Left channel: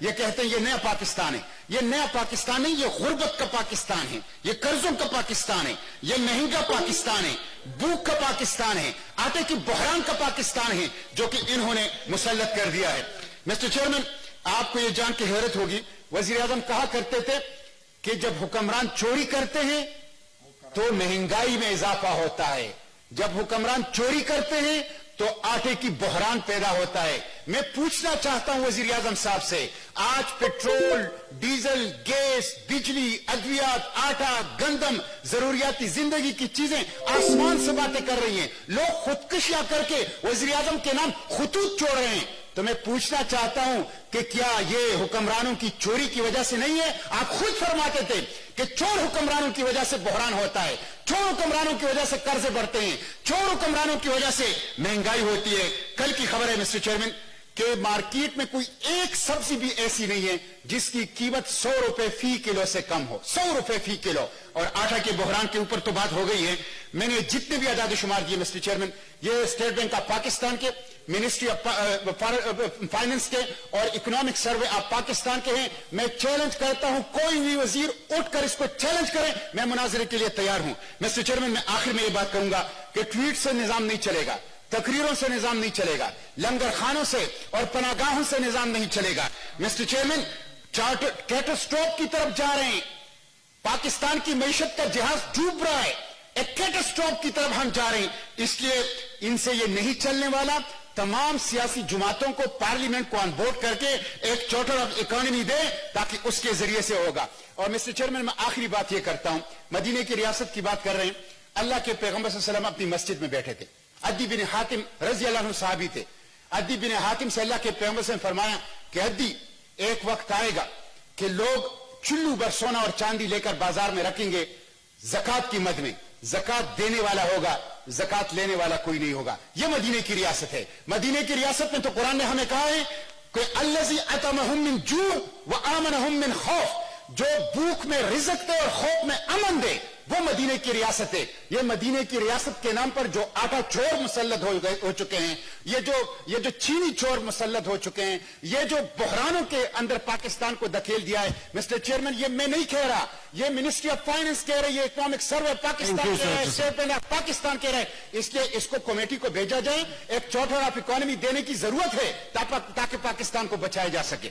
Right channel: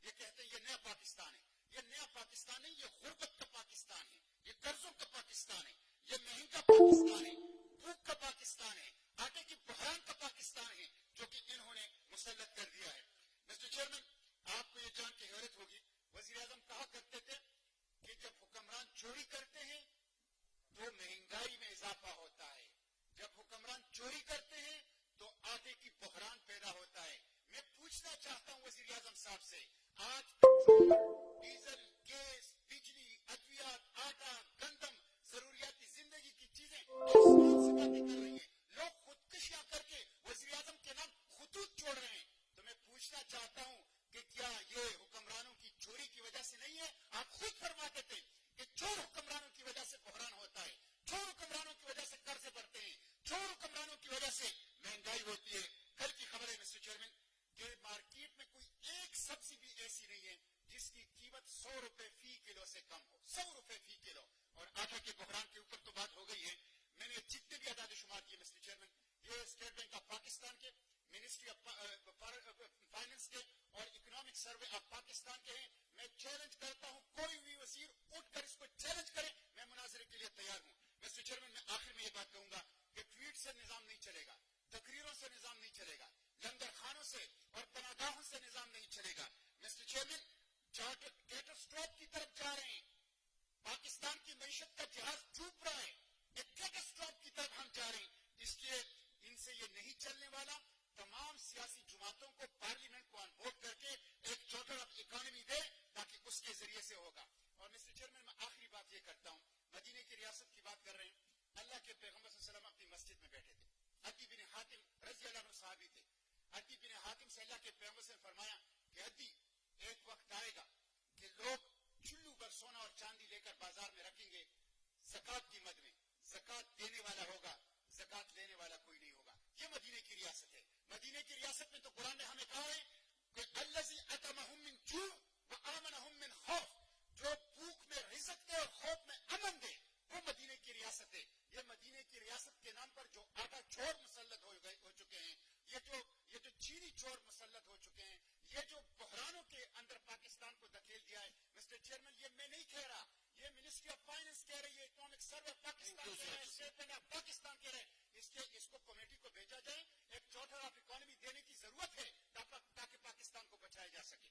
یہ کہتے ہیں یہ نیا پاکستان ہے. یہ نیا پاکستان نہیں, یہ غربت کا پاکستان ہے, یہ قرضوں کا پاکستان ہے, یہ مہنگا پاکستان ہے, بھوک کا پاکستان ہے, آٹے کی بحران کا پاکستان ہے جو کہ انہوں نے مسلط کر دیا ہے. مسٹر چیئرمین, آپ کو یہ جان کے حیرت ہوگی, وزیر اعظم کہا کرتے تھے کہ جب حکمران چوری کرتے ہیں تو مہنگائی میں اضافہ ہوتا ہے, جب حکمران چوری کرتے ہیں تو آٹے کی بحران پیدا ہوتا ہے. میں پوچھنا چاہتا ہوں وزیر اعظم صاحب سے, آج پیٹرول, ڈیزل, گیس, بجلی, ادویات, آٹا, گندم, ضروریاتی زندگی کی چیزیں آسمان سے باتیں کر رہی ہیں, لوگ خودکشیاں کر کے وزیر اعظم کے نام خطوط چھوڑ رہے ہیں. تو میں پوچھنا چاہتا ہوں کہ کیا یہ حکمرانوں کی چوری کی وجہ سے نہیں ہے؟ آپ خود فرماتے تھے کہ چور حکمرانوں کی وجہ سے بحران ہوتا ہے, چور حکمرانوں کی وجہ سے قرضے بڑھتے ہیں, چور حکمرانوں کی وجہ سے مہنگائی ہوتی ہے. کل کی خبر ہے مسٹر چیئرمین کہ مارکیٹ میں کوئی ایک سبزی بھی ایسی نہیں ہے جس کی قیمت 100 روپے فی کلو سے کم ہو, 100 روپے فی کلو. اور آٹا کے بحران کے اوپر تو بات ہو گئی ہے. میں نے جتنے بھی اعداد و شمار دیے مسٹر چیئرمین, یہ اسٹیٹ بینک آف پاکستان کے, منسٹری آف فائننس کے اور اکنامک سروے آف پاکستان کے ہیں. میں چیلنج کرتا ہوں کوئی بھی وزیر اٹھ کر اس کو چیلنج کرے, میں مناظرے کے لیے تیار ہوں. مسٹر چیئرمین, میں آخر میں یہ بات کہوں گا کہ ٹویٹ سے نظام نہیں چلے گا, تقریروں سے نظام نہیں چلے گا, لنگر خانوں سے اور پناہ گاہوں سے نظام نہیں چلے گا. مسٹر چیئرمین, کیٹاسٹروف کی طرف جا رہے ہیں, پاکستان کی معیشت کا جہاز ڈوب رہا ہے, ایک کیٹاسٹروف کی طرف ہم جا رہے ہیں. اس لیے ان سے یہ نہیں چلنے والا. تمام سیاسی جماعتوں کو پارلیمنٹ کو آن بورڈ کر کے ایک چارٹر آف اکانومی دے تاکہ اس کے ذریعے سے ہوگا. اور مسٹر چیئرمین, میں آخری بات یہ کرتا ہوں, مدینے کی ریاست کی بات کر رہے ہیں. اللہ کے پیغمبر صلی اللہ علیہ وسلم اپنی مسجد میں بیٹھے تھے, عدی بن حاتم رضی اللہ عنہ صحابی تھے. عدی بن حاتم سے اللہ کے پیغمبر سے فرمایا کہ عدی, ایک وقت آئے گا کہ لوگ چلو بھر سونا اور چاندی لے کر بازار میں رکھیں گے, زکات کی مد میں زکات دینے والا ہوگا, زکات لینے والا کوئی نہیں ہوگا. یہ مدینے کی ریاست ہے. مدینے کی ریاست میں تو قرآن نے ہمیں کہا ہے کہ الذی اطعمہم من جوع وآمنہم من خوف, جو بھوک میں رزق دے اور خوف میں امن دے, وہ مدینے کی ریاست ہے. یہ مدینے کی ریاست کے نام پر جو آٹا چور مسلط ہو چکے ہیں, یہ جو چینی چور مسلط ہو چکے ہیں, یہ جو بحرانوں کے اندر پاکستان کو دھکیل دیا ہے. مسٹر چیئرمین, یہ میں نہیں کہہ رہا, یہ منسٹری آف فائنانس کہہ رہی ہے, اکنامک سروے پاکستان کہہ رہا ہے, اسٹیٹ بینک آف پاکستان کہہ رہا ہے. اس لیے اس کو کمیٹی کو بھیجا جائے, ایک چارٹر آف اکانومی دینے کی ضرورت ہے تاکہ پاکستان کو بچایا جا سکے.